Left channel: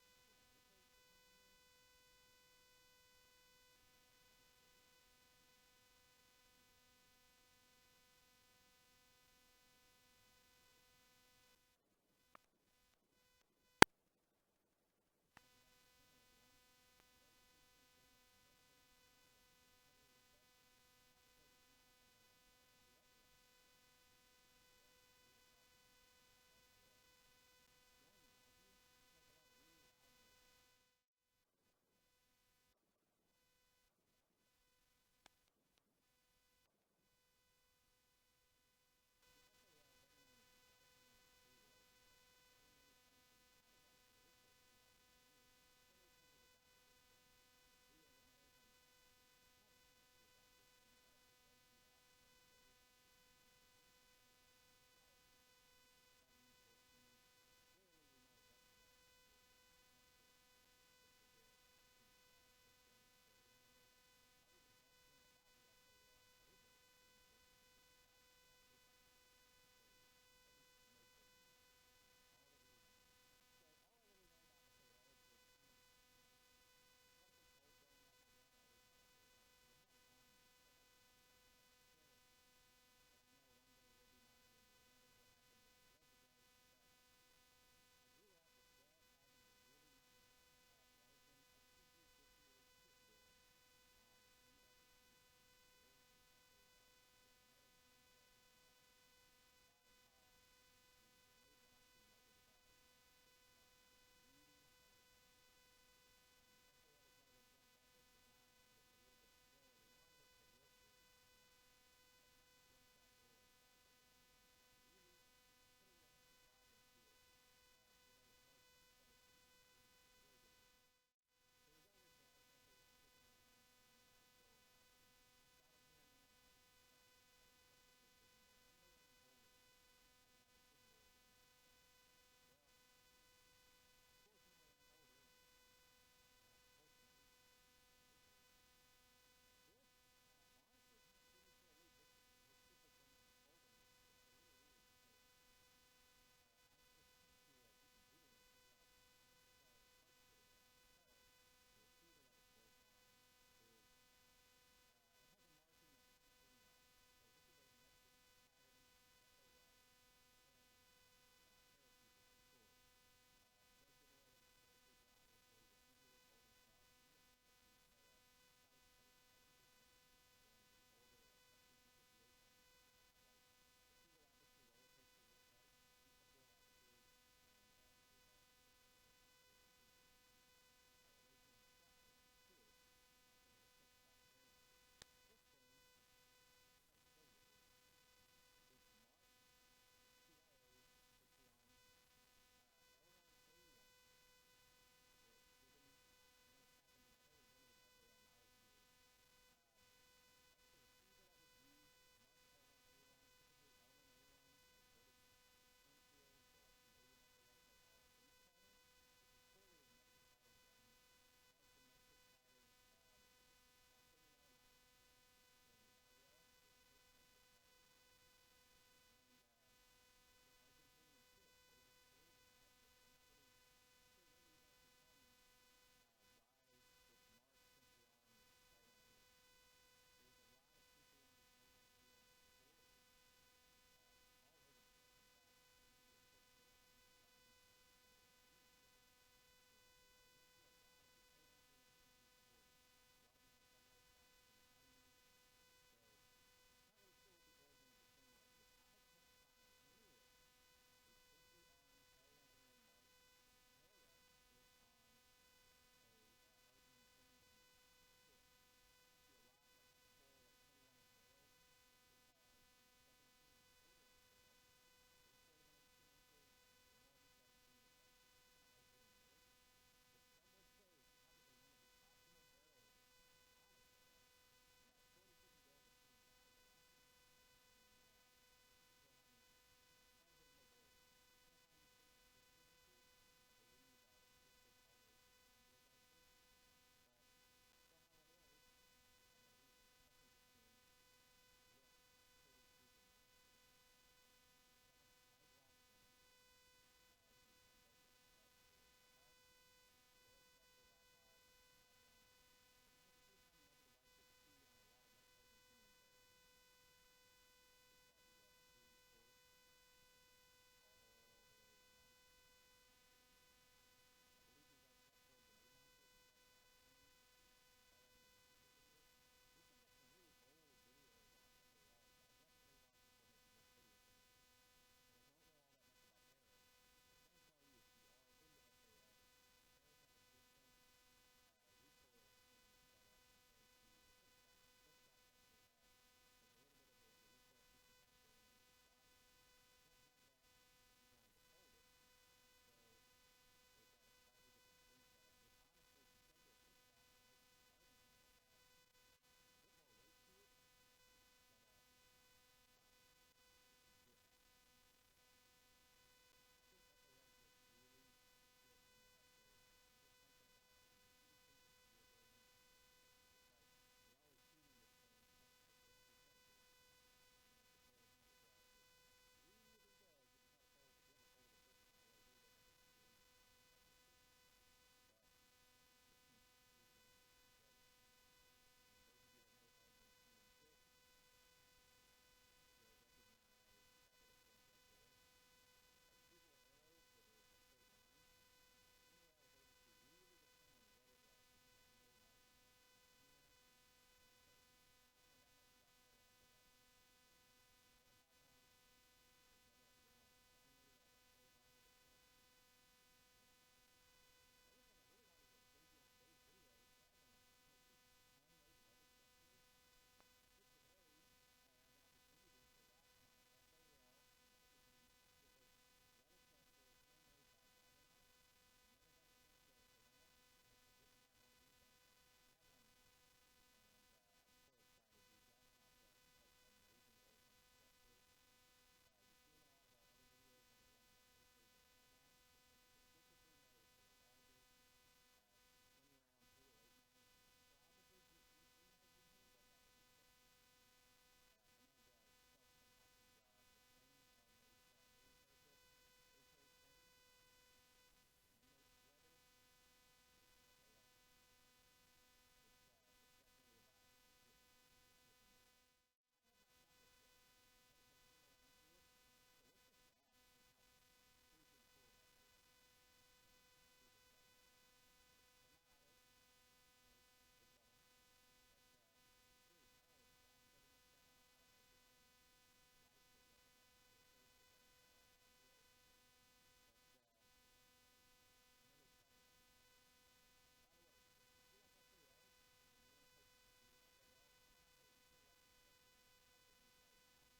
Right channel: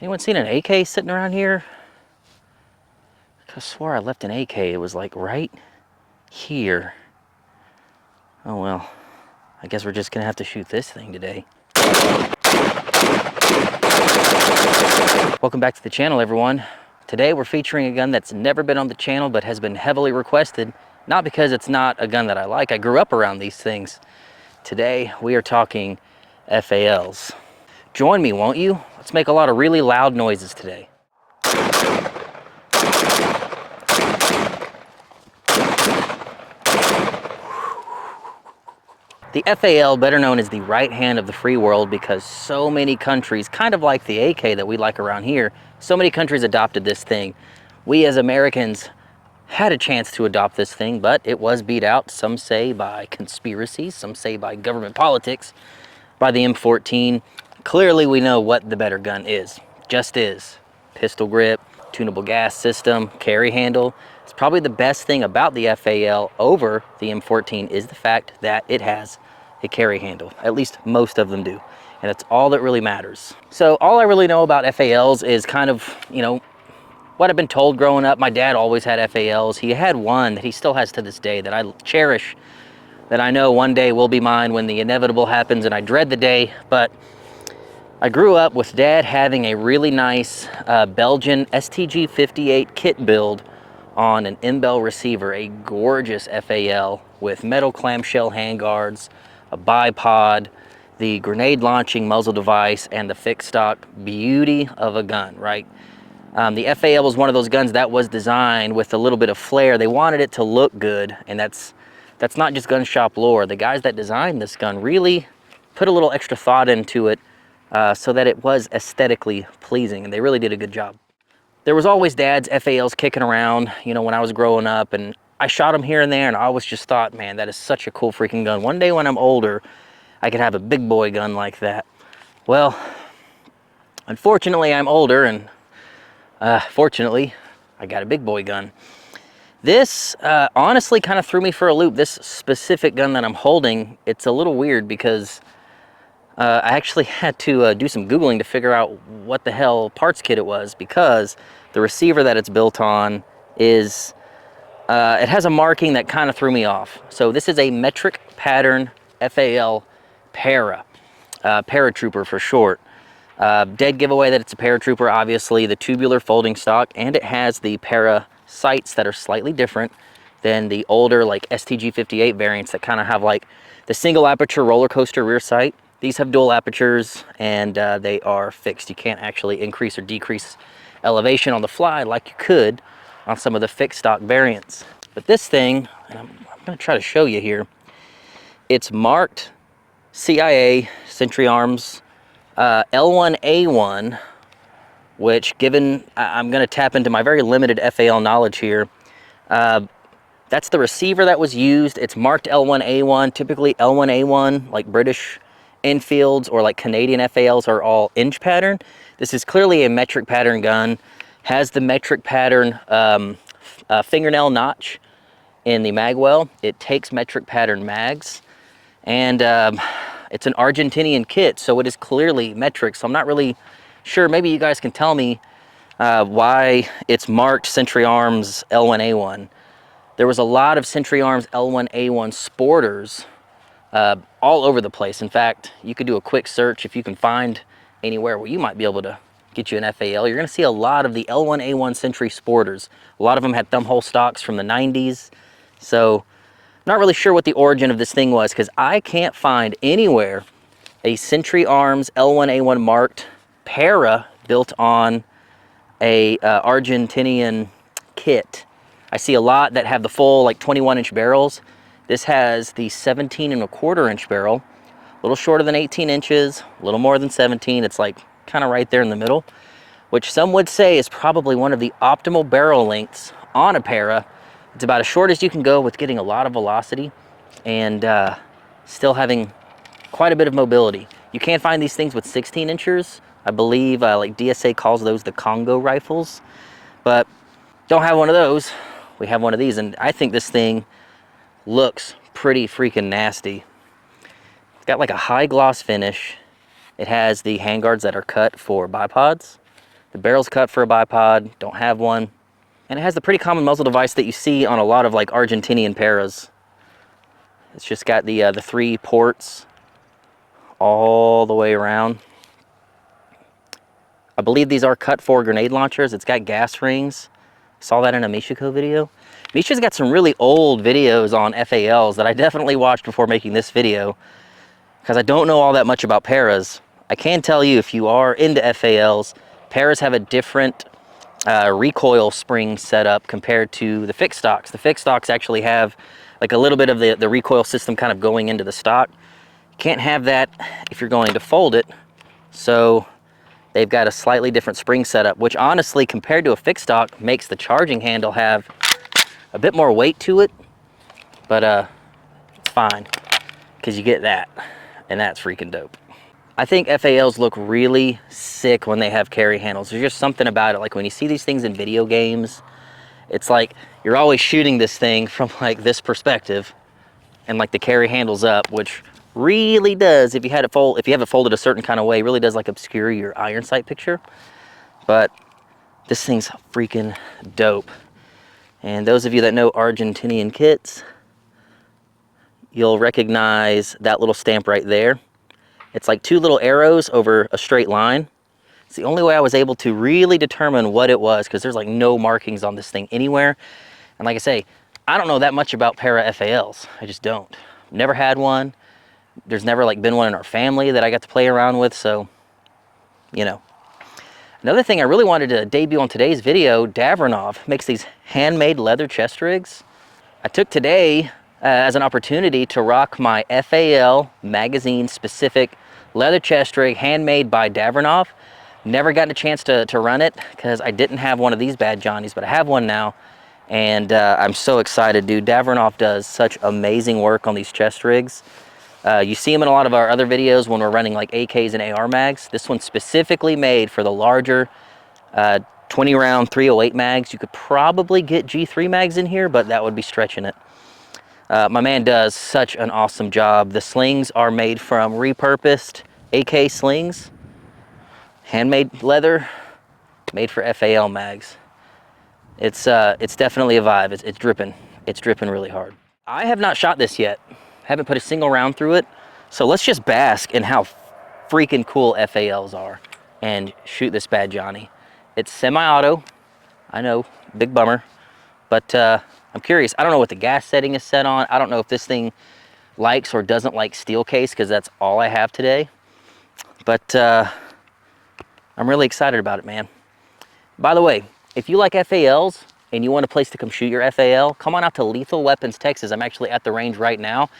Anyone seen an AK sitting around here? I swore I left an AK. It was like right here. Oh well, I guess we're just gonna have to shoot this thing today. Welcome back to the channel, everyone. Today we're featuring a gun that's never been on the channel but has been heavily requested. Not because it's not a gun that I like. I grew up around these things. Today we are talking FALs. Join me, won't you? Let's make a lot of really loud noises today. The FAL, better known as the right hand of the free world, because so many countries, kind of like the AK that we like around here, so many countries adopted this thing. We as Americans had a chance to adopt this thing, but it was beat out, some say by conspiracies, some say by government politics, by the M14. Clearly we know what the better gun is. Just is. Pistol grip, tunable gas system, carry handle. It's probably the best thing about the FAL over the M14 is the fact that it has a carry handle. At least most of them do. And that's all that really matters. So all I really know about FALs is kind of, what I've been told growing up. My dad always had FALs. He had one that he still has to this day that I cherish, that I know one day will be mine when the inevitable happens, and I dread the day. But I grew up with Dad having a really nice Belgian STG 58 kit build on an M-Bell receiver, a gorgeous FAL with metal clamshell handguards, a bipod, the grenade launching muzzle device, and the fixed stock beauty of a gun, right? The FAL was one of those guns that was designed with a little bit of flair. They wanted it to look good, and that's not just gun shop lore. The guys that designed this gun really put a little extra thought into it so that it was aesthetically pleasing, and they really did a good job. There was always Dad's FALs kicking around, when I was growing up, and I shot them here and there, and I always just thought, man, that is such a cool freaking gun. One day when I'm older, I could have a big boy gun like that. Well, unfortunately, I'm older, and fortunately, I got a big boy gun. This honestly kind of threw me for a loop. This specific gun that I'm holding, it's a little weird because I actually had to do some Googling to figure out what the hell parts kit it was, because the receiver that it's built on is, it has a marking that kind of threw me off. So this is a metric pattern FAL para, paratrooper for short. Dead giveaway that it's a paratrooper, obviously, the tubular folding stock, and it has the para sights that are slightly different than the older like STG 58 variants that kind of have like the single aperture roller coaster rear sight. These have dual apertures, and they are fixed. You can't actually increase or decrease elevation on the fly like you could on some of the fixed stock variants. But this thing, and I'm going to try to show you here, it's marked CIA Century Arms L1A1, which, given I'm going to tap into my very limited FAL knowledge here, that's the receiver that was used. It's marked L1A1. Typically L1A1, like British Enfields or like Canadian FALs, are all inch pattern. This is clearly a metric pattern gun. Has the metric pattern fingernail notch in the magwell. It takes metric pattern mags, and it's an Argentinian kit, so it is clearly metric. So I'm not really sure. Maybe you guys can tell me why it's marked Century Arms L1A1. There was a lot of Century Arms L1A1 sporters all over the place. In fact, you could do a quick search if you can find anywhere where you might be able to get you an FAL. You're going to see a lot of the L1A1 Century sporters. A lot of them had thumbhole stocks from the 90s. So not really sure what the origin of this thing was, because I can't find anywhere a Century Arms L1A1 marked para built on a Argentinian kit. I see a lot that have the full like 21-inch barrels. This has the 17.25-inch barrel, a little shorter than 18 inches, a little more than 17. It's like kind of right there in the middle, which some would say is probably one of the optimal barrel lengths on a para. It's about as short as you can go with getting a lot of velocity and still having quite a bit of mobility. You can't find these things with 16 inchers. I believe like DSA calls those the Congo rifles, but don't have one of those. We have one of these, and I think this thing looks pretty freaking nasty. It's got like a high gloss finish. It has the handguards that are cut for bipods. The barrel's cut for a bipod, don't have one. And it has the pretty common muzzle device that you see on a lot of like Argentinian paras. It's just got the 3 ports all the way around. I believe these are cut for grenade launchers. It's got gas rings. Saw that in a Michiko video. Misha's got some really old videos on FALs that I definitely watched before making this video, because I don't know all that much about paras. I can tell you, if you are into FALs, paras have a different recoil spring setup compared to the fixed stocks. The fixed stocks actually have like a little bit of the recoil system kind of going into the stock. You can't have that if you're going to fold it, so they've got a slightly different spring setup, which honestly, compared to a fixed stock, makes the charging handle have a bit more weight to it, but it's fine, because you get that, and that's freaking dope. I think FALs look really sick when they have carry handles. There's just something about it. Like when you see these things in video games, it's like you're always shooting this thing from like this perspective, and like the carry handle's up, which really does, if you have it folded a certain kind of way, really does like obscure your iron sight picture. But this thing's freaking dope. And those of you that know Argentinian kits, you'll recognize that little stamp right there. It's like 2 little arrows over a straight line. It's the only way I was able to really determine what it was, because there's like no markings on this thing anywhere. And like I say, I don't know that much about para FALs. I just don't. Never had one. There's never like been one in our family that I got to play around with, so, you know. Another thing I really wanted to debut on today's video, Davronov makes these handmade leather chest rigs. I took today as an opportunity to rock my FAL magazine specific leather chest rig, handmade by Davronov. Never gotten a chance to run it because I didn't have one of these bad Johnnies, but I have one now, and I'm so excited, dude. Davronov does such amazing work on these chest rigs. You see them in a lot of our other videos when we're running like AKs and AR mags. This one's specifically made for the larger 20 round 308 mags. You could probably get G3 mags in here, but that would be stretching it. My man does such an awesome job. The slings are made from repurposed AK slings, handmade leather, made for FAL mags. It's definitely a vibe. It's dripping. It's dripping really hard. I have not shot this yet. Haven't put a single round through it. So let's just bask in how freaking cool FALs are and shoot this bad Johnny. It's semi-auto. I know, big bummer, but I'm curious. I don't know what the gas setting is set on. I don't know if this thing likes or doesn't like steel case, because that's all I have today. But I'm really excited about it, man. By the way, if you like FALs and you want a place to come shoot your FAL, come on out to Lethal Weapons, Texas. I'm actually at the range right now.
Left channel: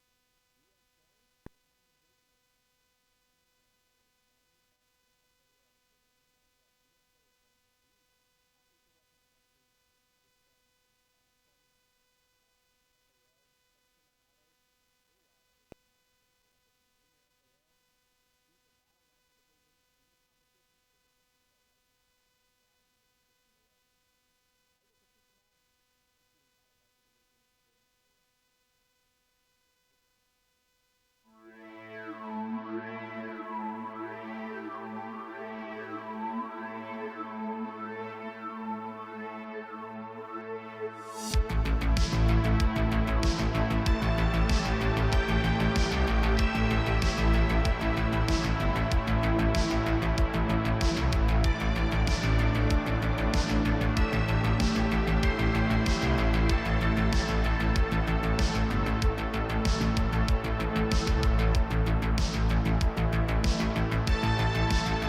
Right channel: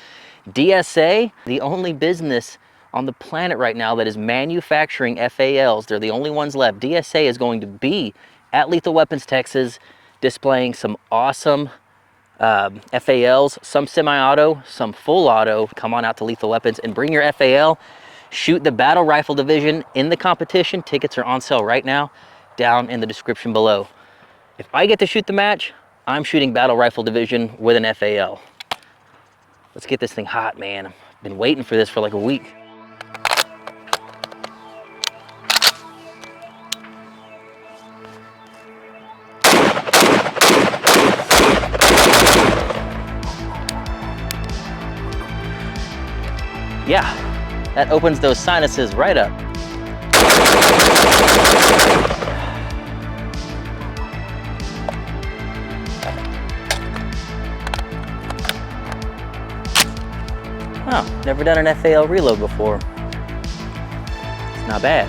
DSA, the only business on the planet right now that is manufacturing FALs. They're the only ones left. DSA is going to be at Lethal Weapons, Texas, displaying some awesome FALs, some semi-auto, some full auto. Come on out to Lethal Weapons and bring your FAL. Shoot the battle rifle division in the competition. Tickets are on sale right now, down in the description below. If I get to shoot the match, I'm shooting battle rifle division with an FAL. Let's get this thing hot, man. I've been waiting for this for like a week. Yeah, that opens those sinuses right up. Oh, never done an FAL reload before. It's not bad.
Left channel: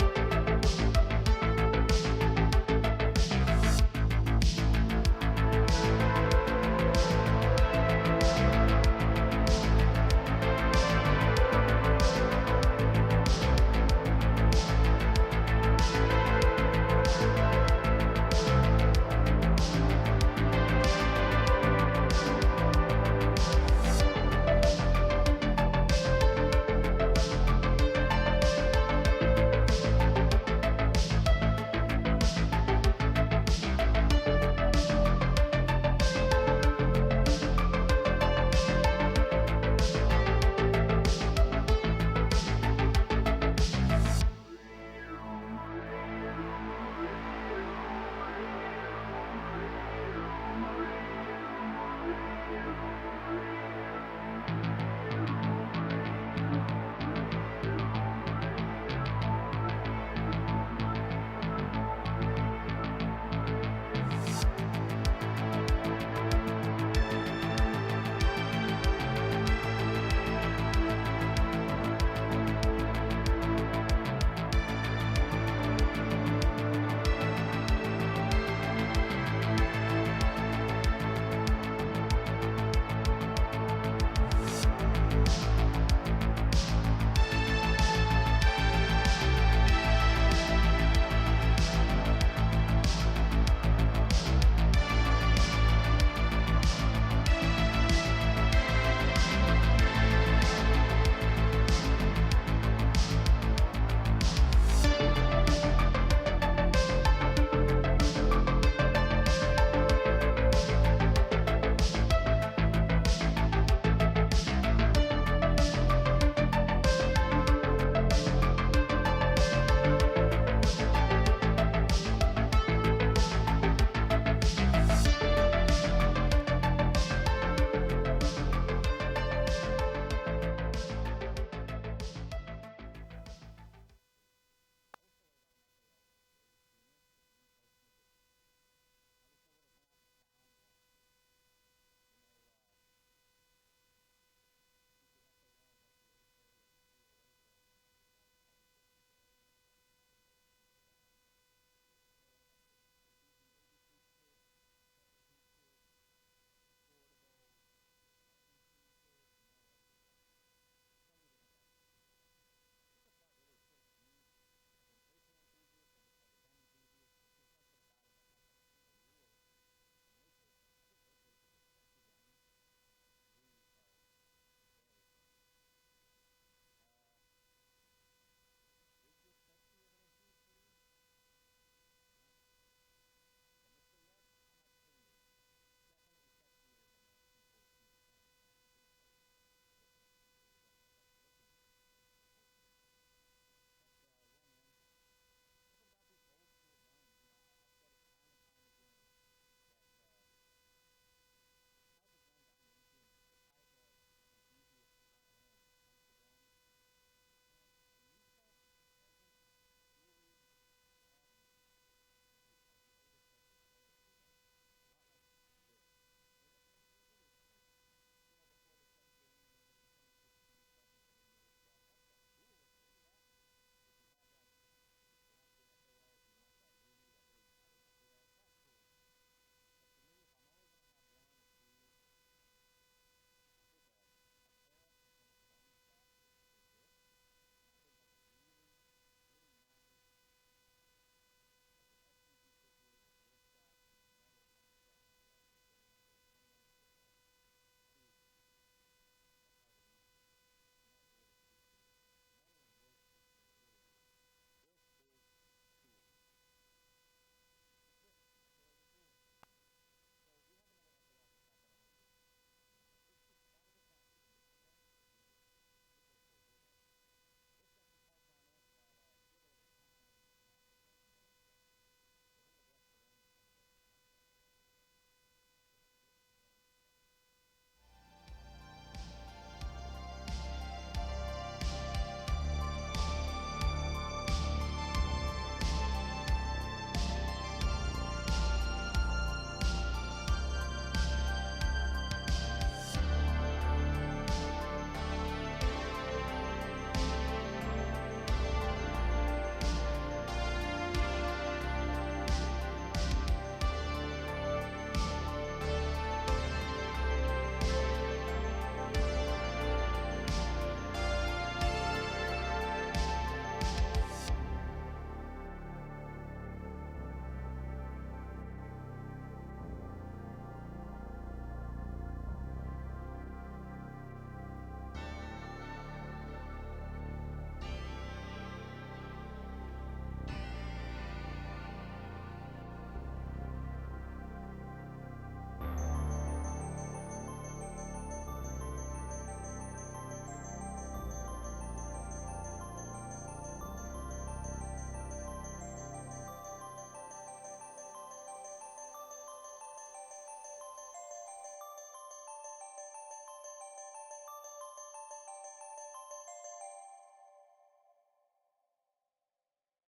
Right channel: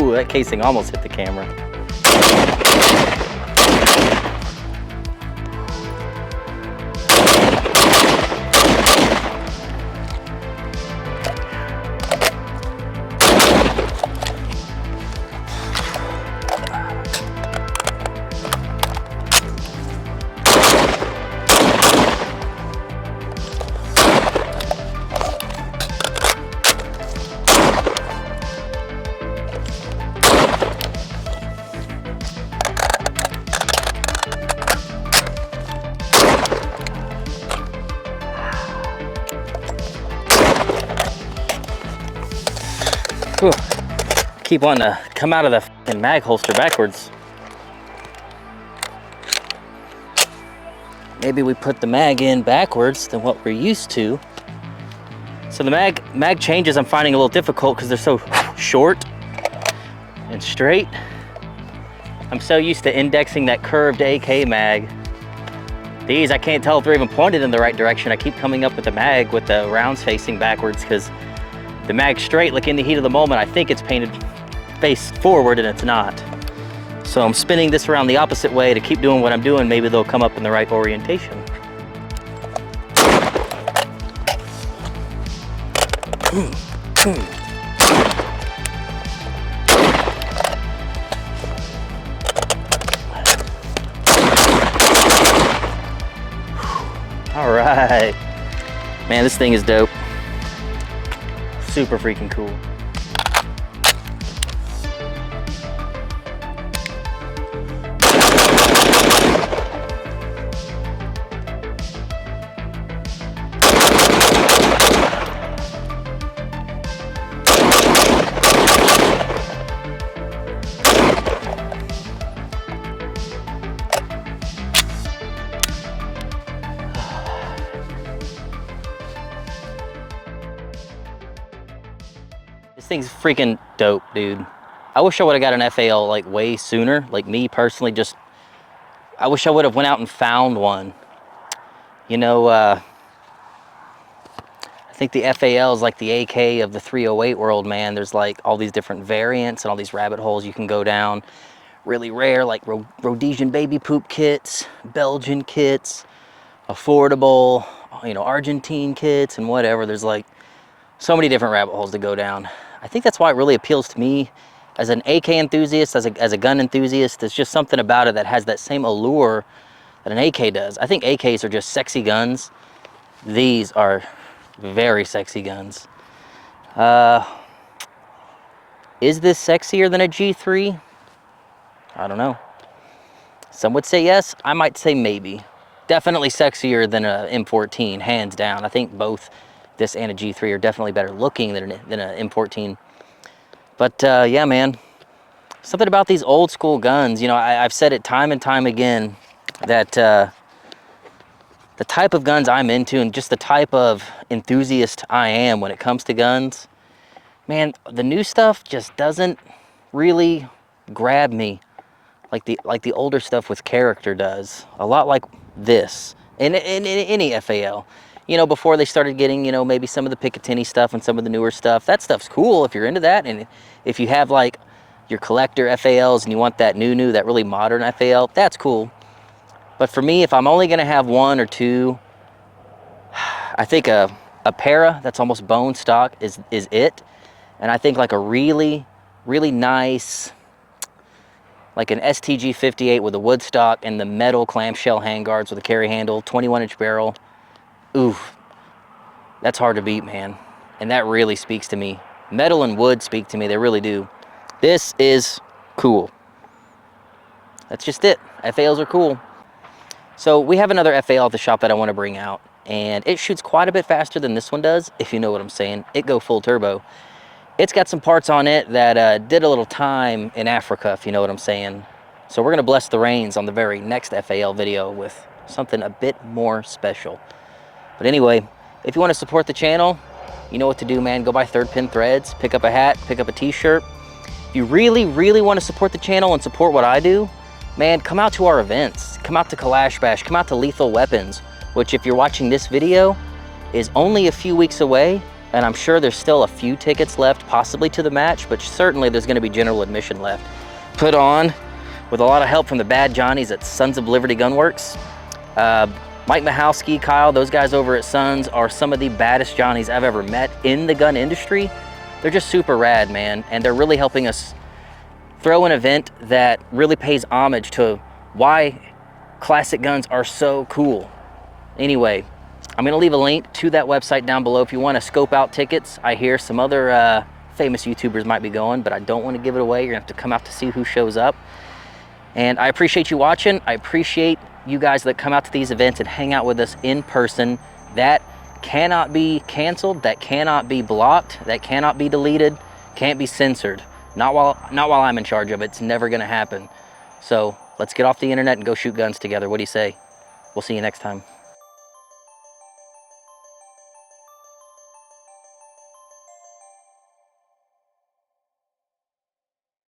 Ooh, that casing almost hit the camera. Whew. Keep wanting to come out of the fucking mag holster backwards. Maybe we put the mag in backwards than what we're used to. So the mag changes I'm finding a little difficult because they're so short and straight. I'm so used to indexing that curved AK mag. These, I can't tell if they're even pointed in the right direction. I keep coming up with the mag with the rounds facing backwards because the mag's straight, like in the heat of the moment, I think it's painted face forward and it's not. So I'm spinning this around the opposite way to keep doing what I'm doing. Maybe they'll come up in the right orientation. All right. Man, this thing is dope. Super freaking cool. This thing's freaking dope, dude. I wish I would have got an FAL like way sooner. Like me personally, just I wish I would have went out and found one. You know, I think the FAL is like the AK of the 308 world, man. There's like all these different variants and all these rabbit holes you can go down. Really rare, like Rhodesian baby poop kits, Belgian kits, affordable, you know, Argentine kits and whatever. There's like so many different rabbit holes to go down. I think that's why it really appeals to me as an AK enthusiast, as a gun enthusiast. There's just something about it that has that same allure that an AK does. I think AKs are just sexy guns. These are very sexy guns. Is this sexier than a G3? I don't know. Some would say yes, I might say maybe. Definitely sexier than a M14, hands down. I think both this and a G3 are definitely better looking than an M14. But yeah, man, something about these old school guns, you know, I've said it time and time again that the type of guns I'm into and just the type of enthusiast I am when it comes to guns, man, the new stuff just doesn't really grab me like the older stuff with character does. A lot like this in any FAL. You know, before they started getting, you know, maybe some of the Picatinny stuff and some of the newer stuff. That stuff's cool if you're into that. And if you have like your collector FALs and you want that new, that really modern FAL, that's cool. But for me, if I'm only gonna have one or two, I think a para that's almost bone stock is it. And I think like a really, really nice, like an STG 58 with a wood stock and the metal clamshell handguards with a carry handle, 21-inch barrel. Oof, that's hard to beat, man. And that really speaks to me. Metal and wood speak to me, they really do. This is cool. That's just it. FALs are cool. So we have another FAL at the shop that I want to bring out, and it shoots quite a bit faster than this one does, if you know what I'm saying. It go full turbo. It's got some parts on it that did a little time in Africa, if you know what I'm saying. So we're gonna bless the rains on the very next FAL video with something a bit more special. But anyway, if you want to support the channel, you know what to do, man. Go buy Third Pin Threads, pick up a hat, pick up a t-shirt. If you really, really want to support the channel and support what I do, man, come out to our events. Come out to Kalash Bash, come out to Lethal Weapons, which if you're watching this video, is only a few weeks away. And I'm sure there's still a few tickets left, possibly to the match, but certainly there's gonna be general admission left. Put on with a lot of help from the bad Johnnies at Sons of Liberty Gunworks. Mike Michalski, Kyle, those guys over at Sons are some of the baddest Johnnies I've ever met in the gun industry. They're just super rad, man, and they're really helping us throw an event that really pays homage to why classic guns are so cool. Anyway, I'm gonna leave a link to that website down below if you wanna scope out tickets. I hear some other famous YouTubers might be going, but I don't wanna give it away. You're gonna have to come out to see who shows up. And I appreciate you watching. I appreciate you guys that come out to these events and hang out with us in person. That cannot be canceled, that cannot be blocked, that cannot be deleted. Can't be censored. Not while I'm in charge of it. It's never gonna happen. So let's get off the internet and go shoot guns together. What do you say? We'll see you next time.